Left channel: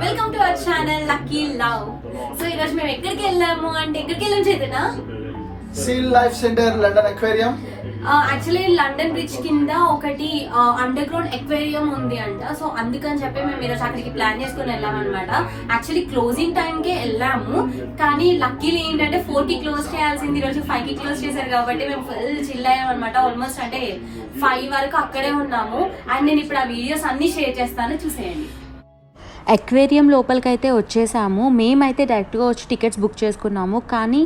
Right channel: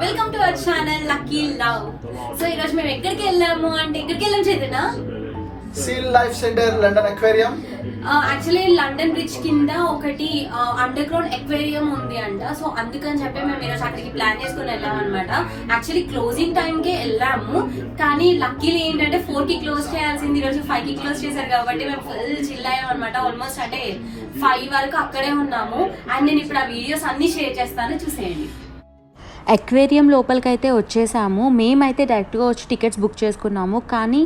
Welcome to our channel Lucky Love. So ఈ రోజు మేము ఎక్కడికి వెళ్ళాము అంటే ఎక్కడికి వెళ్ళాము Chaitanya? Sea Life Centre London Aquarium. Actually London Bridge కింద ఒకటి అండర్ గ్రౌండ్ అక్వేరియం ఉంది అంట. సో అందుకని చెప్పి మేము ఈరోజు అక్కడికి ప్లాన్ చేసుకుని వెళ్ళాం అనమాట. యాక్చువల్లీ క్లోజింగ్ టైం కి వెళ్ళాము, కానీ లక్కీలీ ఏంటంటే 4 కి క్లోజ్ చేయాల్సింది ఈ రోజు 5 కి క్లోజ్ చేశారు కాబట్టి మేము ఫుల్ చిల్ అయ్యాం అనమాట. ఆల్మోస్ట్ అంటే 5 వరకు అక్కడే ఉన్నాము. అండ్ నేను ఇప్పుడు ఆ వీడియోస్ అన్ని షేర్ చేస్తాను, చూసేయండి. అక్వేరియం లోపలికైతే వచ్చేసాము. మేమైతే డైరెక్ట్గా వచ్చి టికెట్స్ బుక్ చేసుకున్నాము, కానీ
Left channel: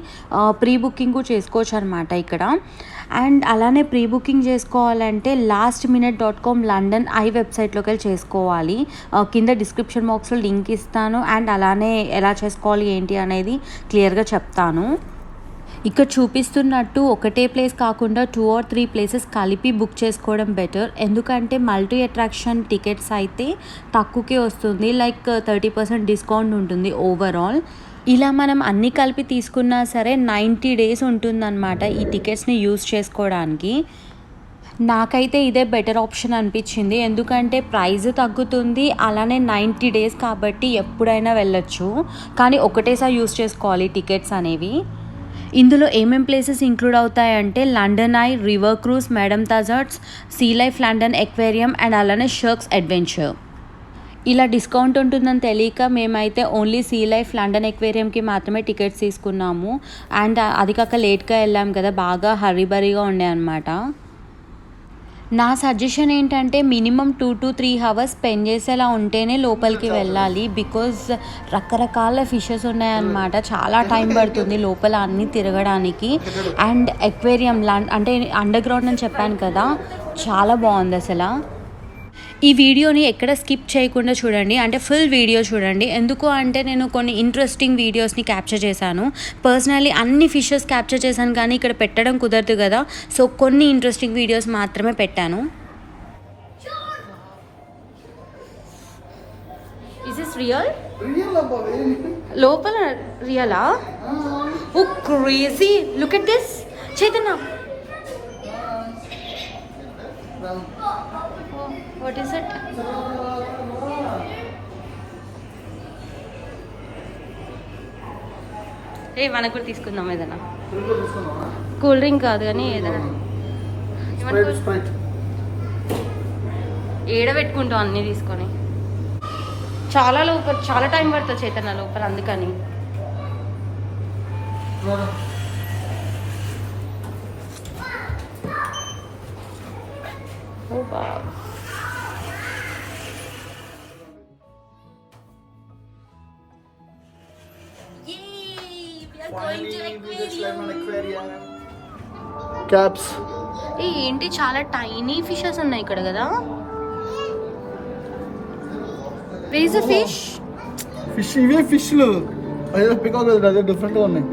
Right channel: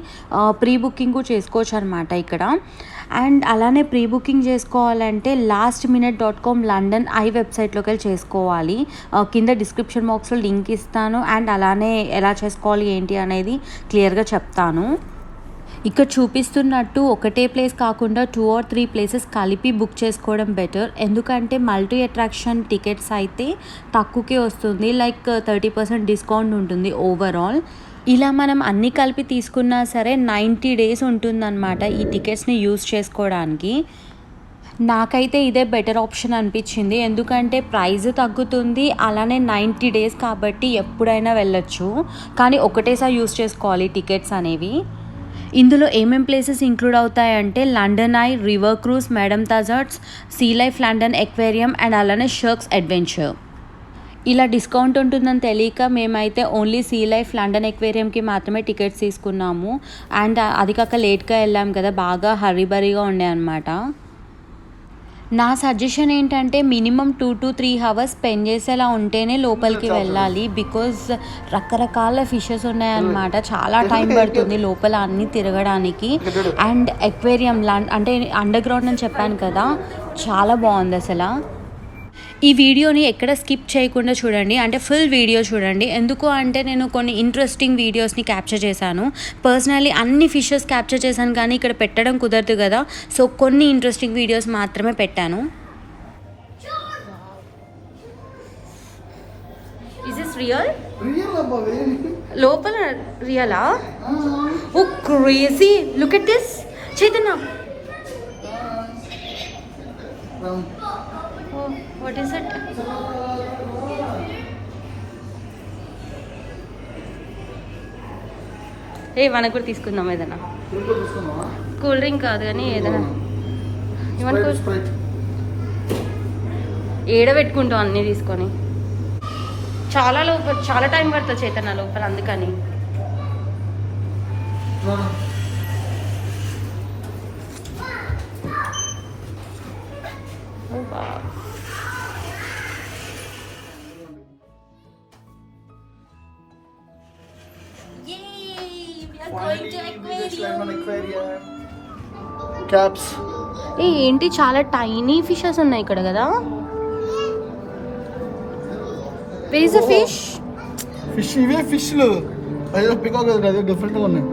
ప్రీ బుకింగ్ చేసుకోవచ్చు అనమాట ఇక్కడ. అండ్ అలానే ప్రీ బుకింగ్ చేసుకోవాలంటే lastminute.com లండన్ ఐ వెబ్సైట్లోకి వెళ్ళి చేసుకోవాలి. కింద డిస్క్రిప్షన్ బాక్స్లో లింక్ ఇస్తాను. అండ్ అలానే ఎలా చేసుకోవాలి ఏంటి అనేది క్లియర్గా చెప్తాను. ఇక్కడ చూపిస్తున్నట్టు ఒకటే ప్లేస్ కాకుండా 2 or 3 ప్లేసెస్ కలిపి బుక్ చేసుకోవడం బెటర్. ఎందుకంటే మల్టీ అట్రాక్షన్ టికెట్స్ అయితే తక్కువకే వస్తుంది, లైక్ 30% డిస్కౌంట్ ఉంటుంది ఓవరాల్. ఇలా మనం అన్నీ కలిపి తీసుకున్నా సరే 90 days ఉంటుందన్నమాట ఈ టికెట్స్ని యూజ్ చేసుకోవడానికి. నాకైతే ఇదే బెటర్ ఆప్షన్ అనిపించింది, ఎందుకంటే ప్రైస్ తగ్గుతుంది, అలానే 90 days కాబట్టి ఎప్పుడైనా వెళ్ళొచ్చు. కానీ ఒకటేసారి యూజ్ చేసుకోవాలి టికెట్స్ అనేవి. ఇందులో ఏమేం ప్లేసెస్ ఇంక్లూడ్ అవుతాయంటే London eye, river cruise, madame Tussauds, sea life London aquarium and అలానే షర్క్స్ అడ్వెంచర్. ఇలా డిస్కౌంట్ ఉంటుందని తెలియక మేమైతే ఓన్లీ సీ లైఫ్ లండన్ అక్వేరియంకి మాత్రమే టికెట్స్ తీసుకున్నాము. అండ్ అది కాక లేట్గా వెళ్ళాం కదా, బాగా హరీబరీగా ఉండే అనమాట. నా సజెషన్ ఏంటంటే మినిమం 2 to 3 hours స్పెండ్ చేసేలా ఉంటేనే లోపలికి వెళ్ళాలి. బికాజ్ రకరకాల ఫిషెస్ ఉన్నాయన్నమాట, చాలా టైం పడుతుంది లోపల అన్నీ తిరగడానికి. అండ్ అక్వేరియం అంటే అండర్ గ్రౌండ్ అని చెప్పాను కదా, చాలా బాగుంది అసలు. ఈ వీడియోని ఎక్కడ స్కిప్ చేయకుండా చూడండి, అంటే ఫుల్ వీడియో చూడండి. ఎందుకు అంటే నేను కొన్ని ఇంట్రెస్టింగ్ వీడియోస్ని క్యాప్చర్ చేశాను. పర్సనల్లీ అన్ని ఫిషెస్ క్యాప్చర్ చేశాను, కానీ ఇక్కడ పెట్టడం కుదరదు కదా, సో కొన్ని ఇంట్రెస్టింగ్ వీడియోస్ మాత్రమే పెట్టాను. Is this real? లోపల రియలా? Oh crazy, look at this Chaitanya. What is it? మనకు కూడా తీసుకుందాం ఏదైనా. కూల్ డ్రింక్ కాదు కానీ ఏదైనా ఏడ పెట్టుకుంటాం అన్నీ తీసుకొని. చాలా టైం పడుతుంది చైతన్య లోపల, అందుకని. ఏంటి చాలా టైనీ ఫిషెస్ ఉన్నాయి ఇక్కడ కదా. Where is the fish? ఇవే ఫిష్లు అదే డిఫరెంట్ గా ఉన్నాయి.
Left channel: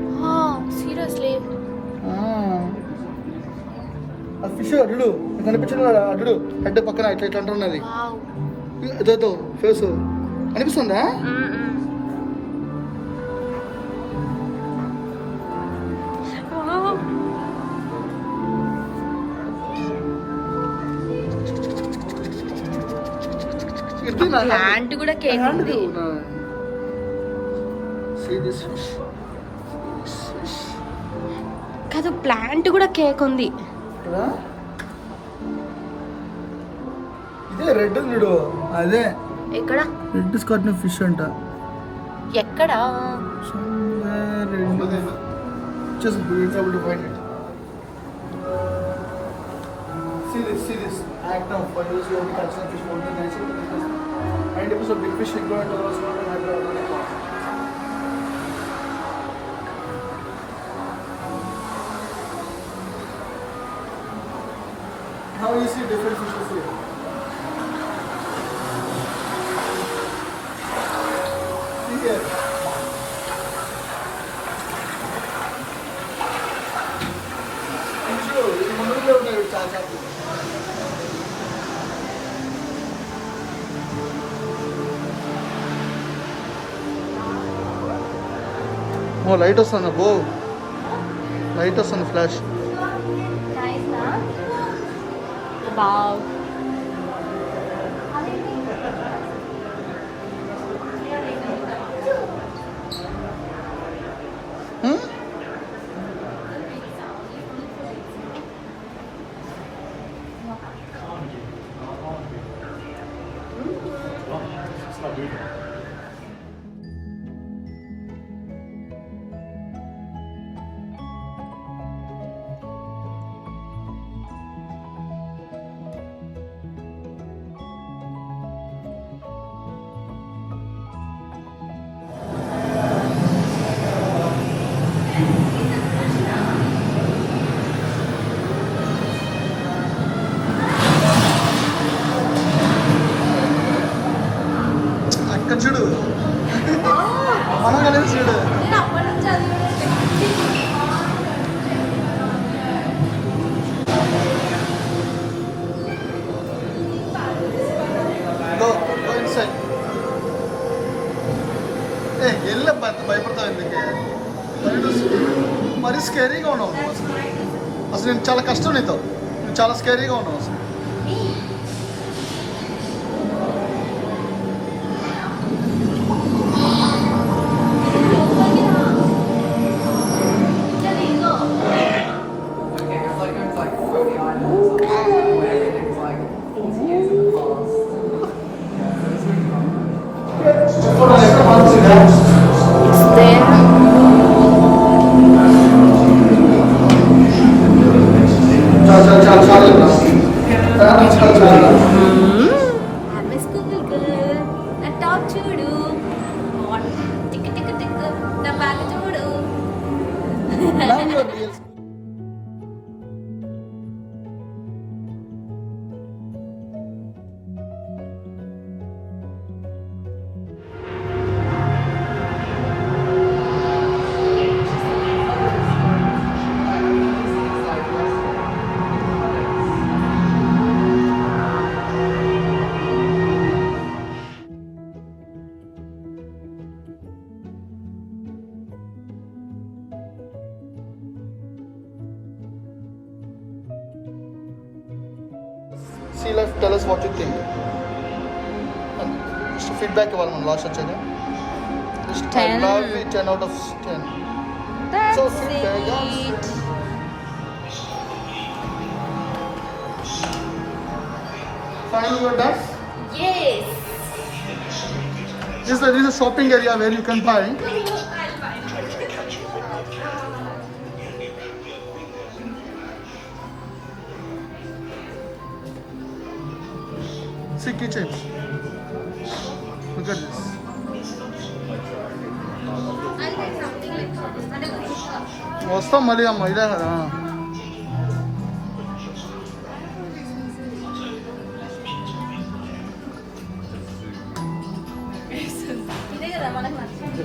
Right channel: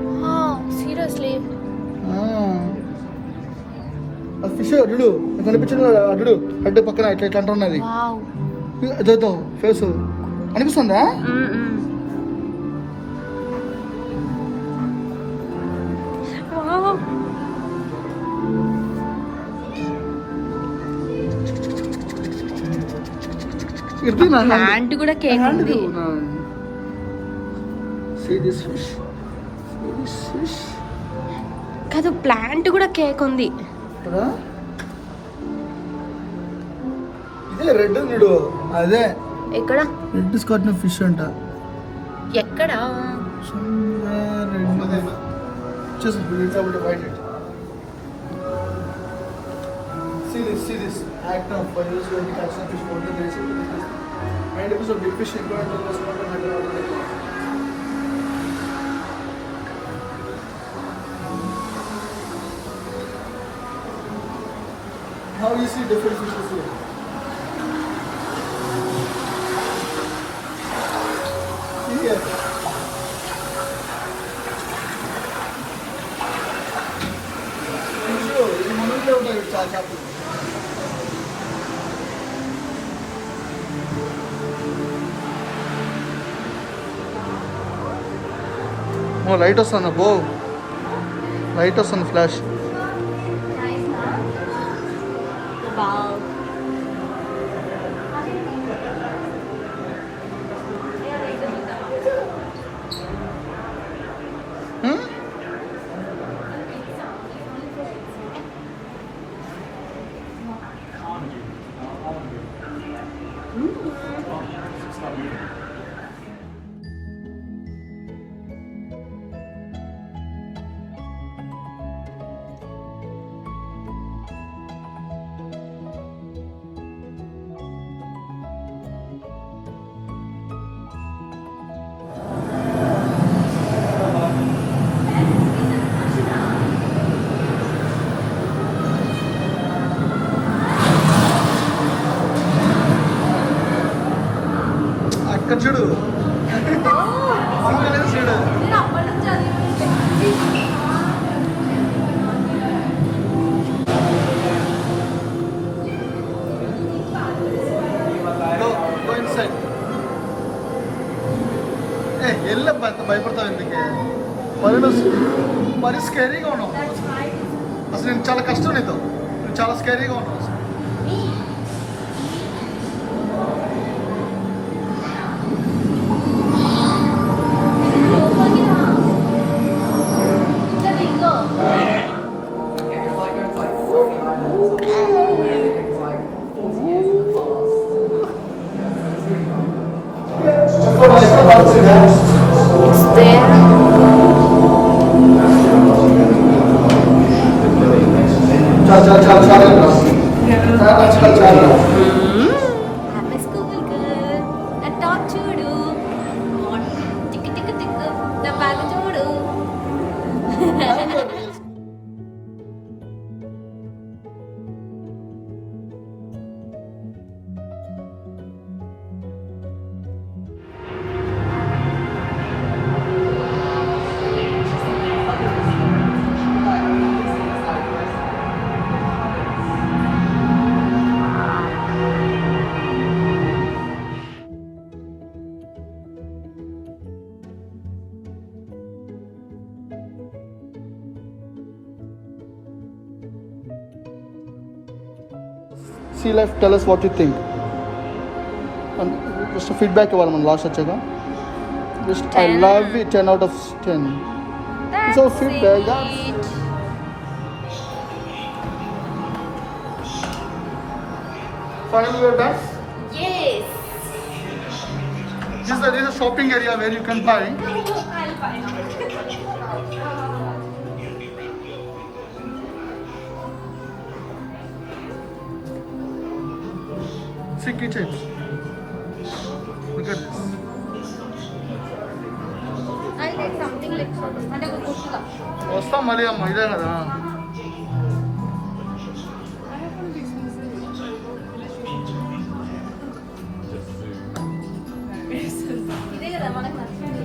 సీరియస్లీ అది ఫిష్ అడ్డు కనిపించదు కదా, అడ్డు అంటే పక్కన ఇట్లా అంటున్నది అదో ఫేస్ కనిపిస్తుందా? ప్లాంట్ కూడా కేక్ ఉంది. కాదు, ప్లాంట్ కూడా కేక్ ఉంది. రెడ్ చూడు, అదే ఎక్కడ రెడ్ స్కాట్ ఫిష్ అంట. ఎక్కడ? Act of use of the catch fish more than this and it was a big fish increment was not another. How you see different fishes here? Here. Light వస్తుంది బో, లైట్ వస్తుంది ఫ్లాష్. అక్కడ చూడు చూడు go inside. వెళ్ళబ్బా అంత భయపడతావు ఎందుకే మరి స్కేరీగా ఉన్నావు అసలు నేను చాలా కష్టం నీతో నువ్వు చాలా స్కేరీగా ఉన్నావు అసలు It's there. I'm a school girl. Na top chudu. Tick tick tick. Na bag chudu. Sea life, tell us what you think. And just a feedback ఇవ్వాలి మనం లాస్ట్ వచ్చాక just I 10. love it 10 out of 10. That's So feedback, yeah. it. Finally you're done. Yes. This is a shopping area where you can buy. See keychains. Look at this. I like something like అంటే కుర్తా. వస్తాం మళ్ళీ అమ్మ ఇదే కదా ఇదే కదా మనకు నచ్చింది.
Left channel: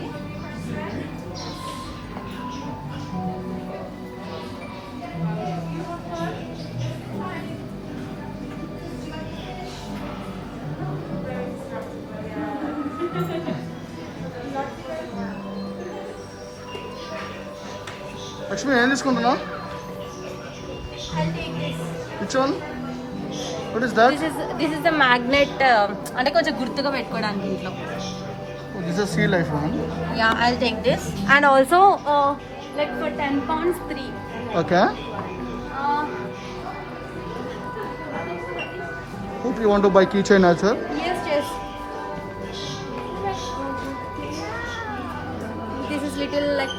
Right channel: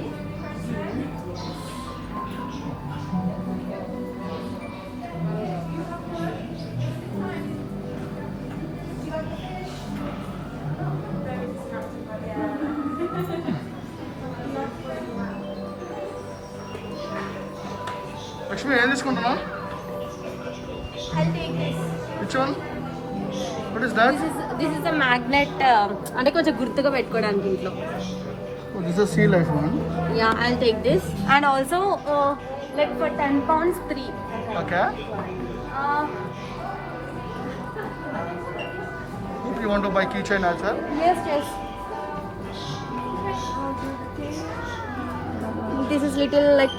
లక్ష్మి ఏం తీసుకుంటున్నావు I'll take this. Which one what is that this is the magnet అంటే కొంచెం గుర్తుగా పెట్టుకోవడానికి ఇంట్లో. This is Sea Life one yeah I take this and also like for 10 pounds 3. Okay hope you want to buy keychain also. Yes, yes. This is little like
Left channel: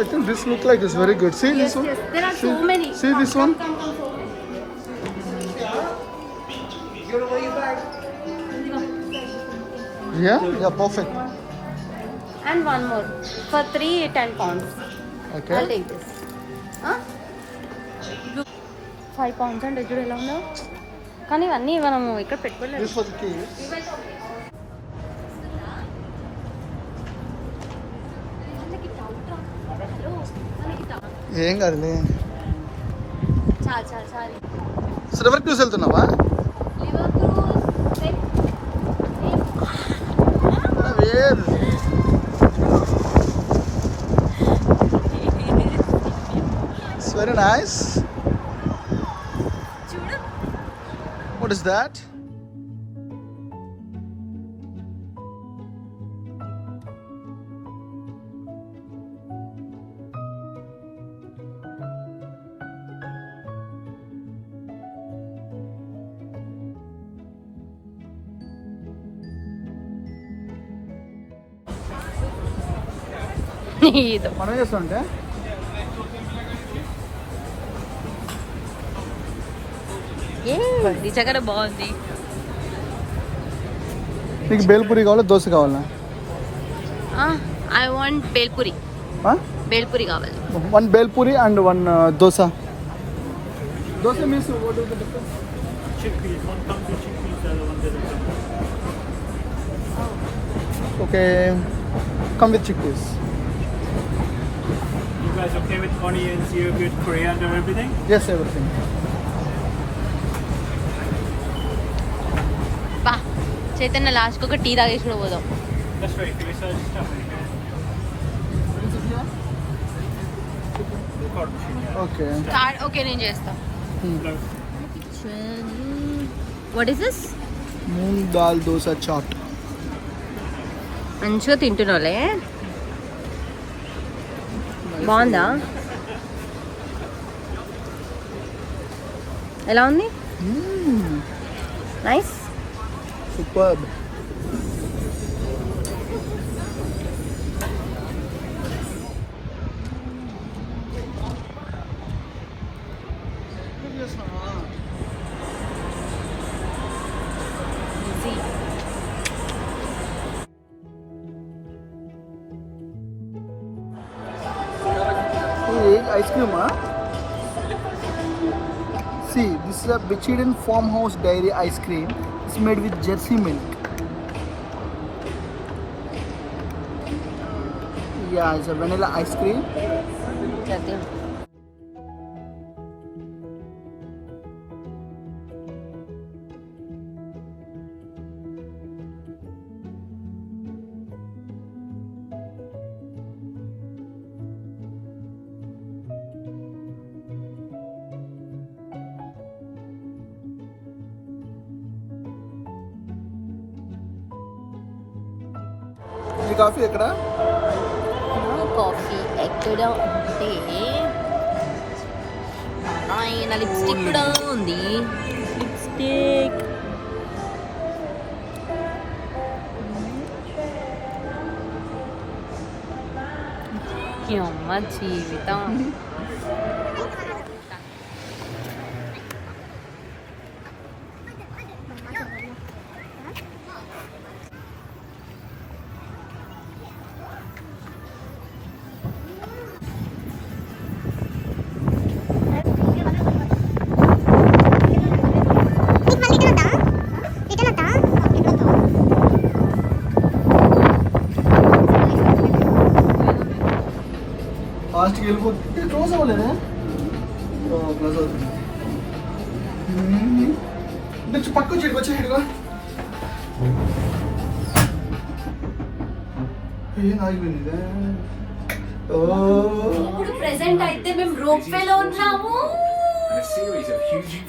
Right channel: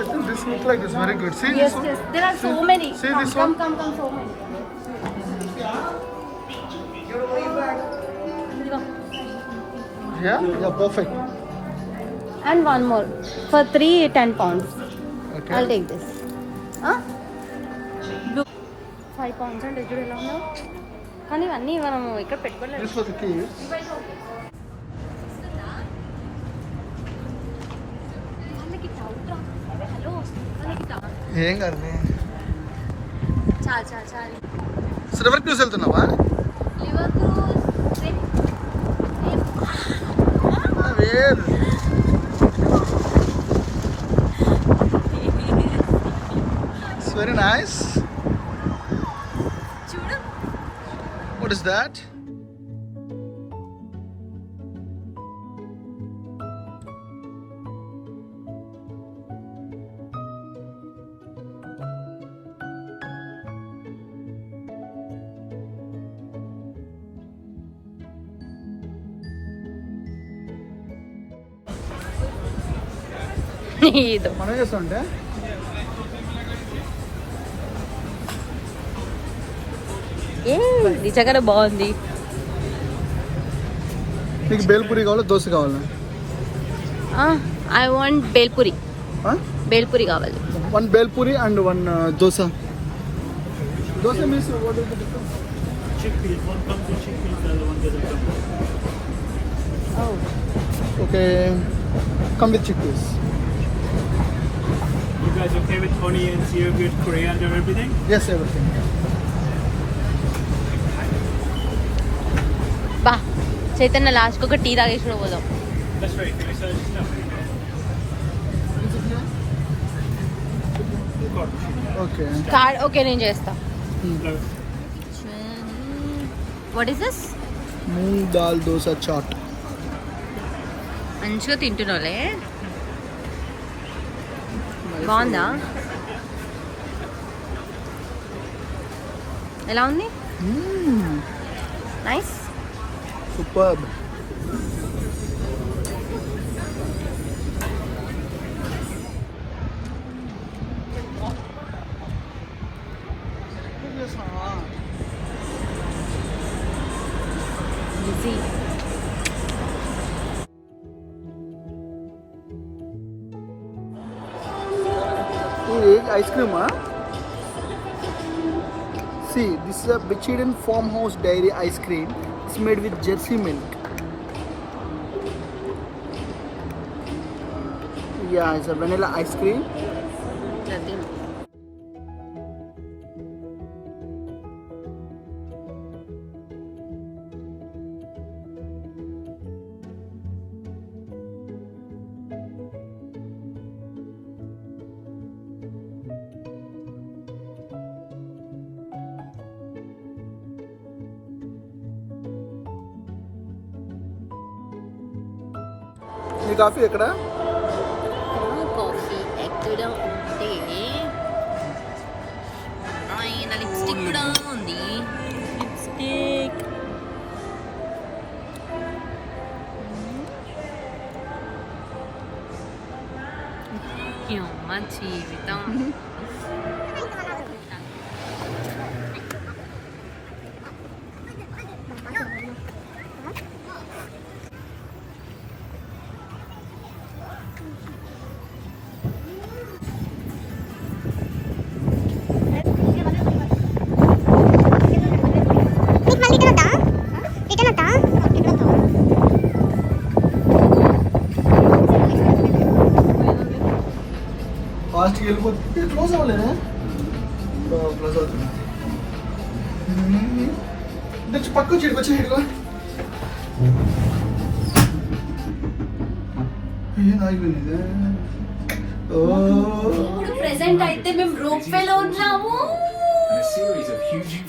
I think this look like it's very good. See yes, this one? yes. There are so many. See come, this come, one? come, so many. Yeah, yeah, perfect. And one more for 3 10 pounds. Okay. I'll take this. Huh? 5 pounds and ఎదురు ఎలా ఉన్నావు కానీ ఇవన్నీ మనం ఇక్కడ పెట్టుకోలేదు. This for the keys. వాళ్ళకి డౌట్ రా. హలో వాళ్ళకి డౌట్. ఏం కాదులే చాలు చాలు చాలు. రివర్ క్రూజ్ వెళ్తున్నావా లివర్ క్రూజ్ వేరు ఇట్స్ వెరీ నైస్ చూడు. వాట్ ఇస్ దాట్ మనం చేస్తుంటే నిజంగానే బాగుంది. నీకు బేల్పూరి కావాలా దోశ కావాలా? I want bhelpuri. బేల్పూరి కావాలి. 1 బేల్పూరి అండ్ 1 దోశ. Dosa means chickpeas. One comes with chickpeas, the other one doesn't come with. Okay come with chickpeas. You guys okay with onions, yogurt, coriander, and everything? Yes, everything. బా చైతన్య లాస్ట్కి ఒక టీ తాగేసి పోదాం. That's right. Okay, so just stuff it. Okay card okay నేను చేస్తా. What is this? Moong dal dosa chaat. మంచిగా తింటున్నాలే. బాగుందా? ఎలా ఉంది? Nice. Super. Ice cream, huh? See, this is a Bichiden Farmhouse Dairy ice cream. It's made with Jersey milk. Yeah, it's a vanilla ice cream. ఈ కాఫీ ఎక్కడ? కాఫీ ఎక్కడ ఉంటే ఆయన లిప్స్టిక్ కూడా ఉంది. లిప్స్టిక్ అమ్మ జీవితం. ఫాస్ట్కి వెళ్ళిపోతే క్లోజ్ అవ్వలేదా? క్లోజ్ అవుతుంది. పక్కకు చెడు వచ్చి ఇటుకో. ఏం ఆగిపోయింది? ఇప్పుడు ప్రెసెంట్ అయితే మేము రోప్ వే లో ఉన్నాము.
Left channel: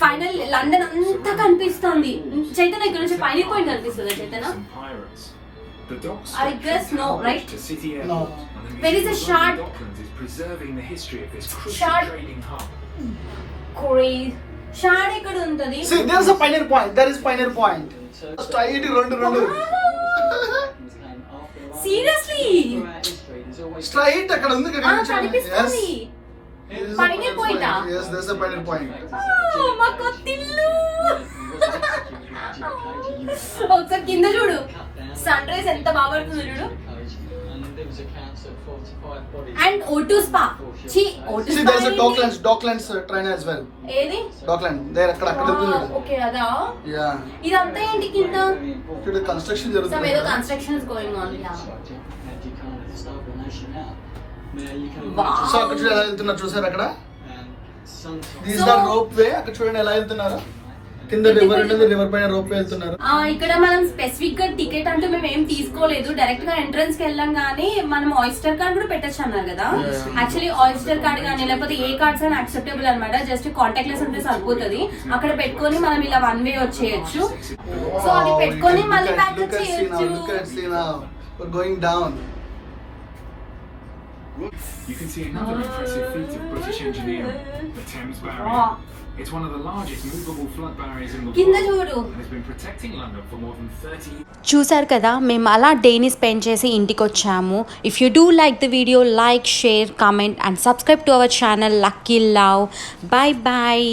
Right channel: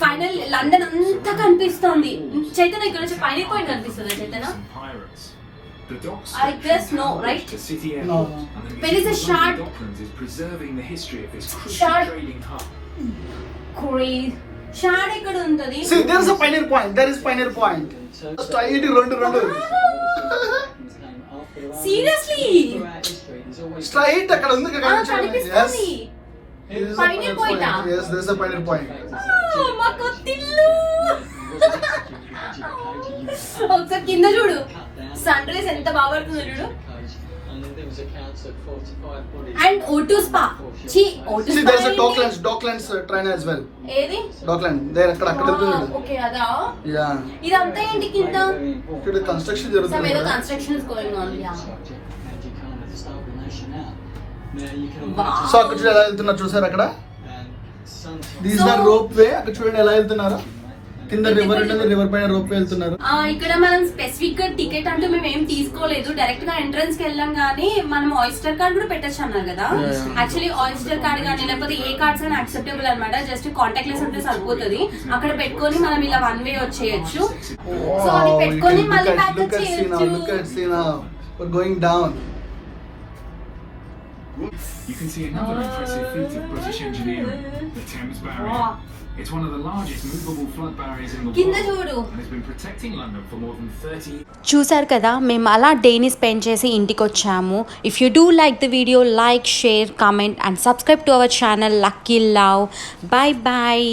ఫైనల్ లండన్ అంతా కనిపిస్తుంది. చైతన్య ఇక్కడ నుంచి పైన పాయింట్ కనిపిస్తుంది. Chaitanya I guess no, right? No. When is a short crazy shard ఇక్కడ ఉంటది. See, there is a pioneer point. There is pioneer point. Straight రెండు Seriously? స్ట్రైట్ అక్కడ ఉంది కదా. కనిపిస్తుంది. Pioneer point ఆ? Yes, there is a pioneer point. మా కొత్తిల్లు. ఒకసారి కింద చూడు. సన్ రైజ్ ఎంత బాగా పడుతుంది చూడు. And O2 spa. చి O2 See, spa. there is a Docklands train as well. ఏది? Dockland. there అక్కడ వెళ్తుంది. ఓకే అదా? యా. ఇదంతా ఏంటి కింద? ఇక్కడ కన్స్ట్రక్షన్ Some జరుగుతుంది. ఏదో construction is going on. Yeah. So అక్కడ చూడ ఎలా వెళ్తున్నారు చూసారు అక్కడ? These are rope way. అక్కడ చూడండి ఎలా వెళ్తున్నారు. కింద రివర్ ఉంటుంది. రివర్ పైన రోప్ వే వెళ్తున్నారు. ఇక్కడ మనం స్పెసిఫిక్ గా టికెట్ అంటూ మేము ఏం తీసుకోలేదు. డైరెక్ట్ గా ఎంట్రన్స్ కి వెళ్ళాం గానీ మనం ఆయిస్టర్ కార్డ్ కూడా పెట్టచ్చు అన్నారు కదా. యాక్చువల్లీ ఆయిస్టర్ కార్డ్ కానీ లేకపోతే ఏ కార్డ్స్ అయినా యాక్సెప్టబుల్ అనమాట. జస్ట్ కాంటాక్ట్ లెస్ ఉంటే సరిపోతుంది. అక్కడ పెట్టుకొని మనం ఇలా 1 వే వచ్చేయచ్చు. సో అది పెట్టుకొని మళ్ళీ బ్యాక్ వచ్చేయచ్చు. Going down. You can see another impressive feat of British engineering, the Thames Barrier. It's one of the largest movable flood barriers in the కింద world చూడు. and has been protecting London for more than 30 years. చూసారు కదా, మేము అలా డేని స్పెండ్ చేసి ఇంటికి వచ్చాము. If you do like the video, like, share, comment and subscribe to our channel Lucky Love. Bye bye.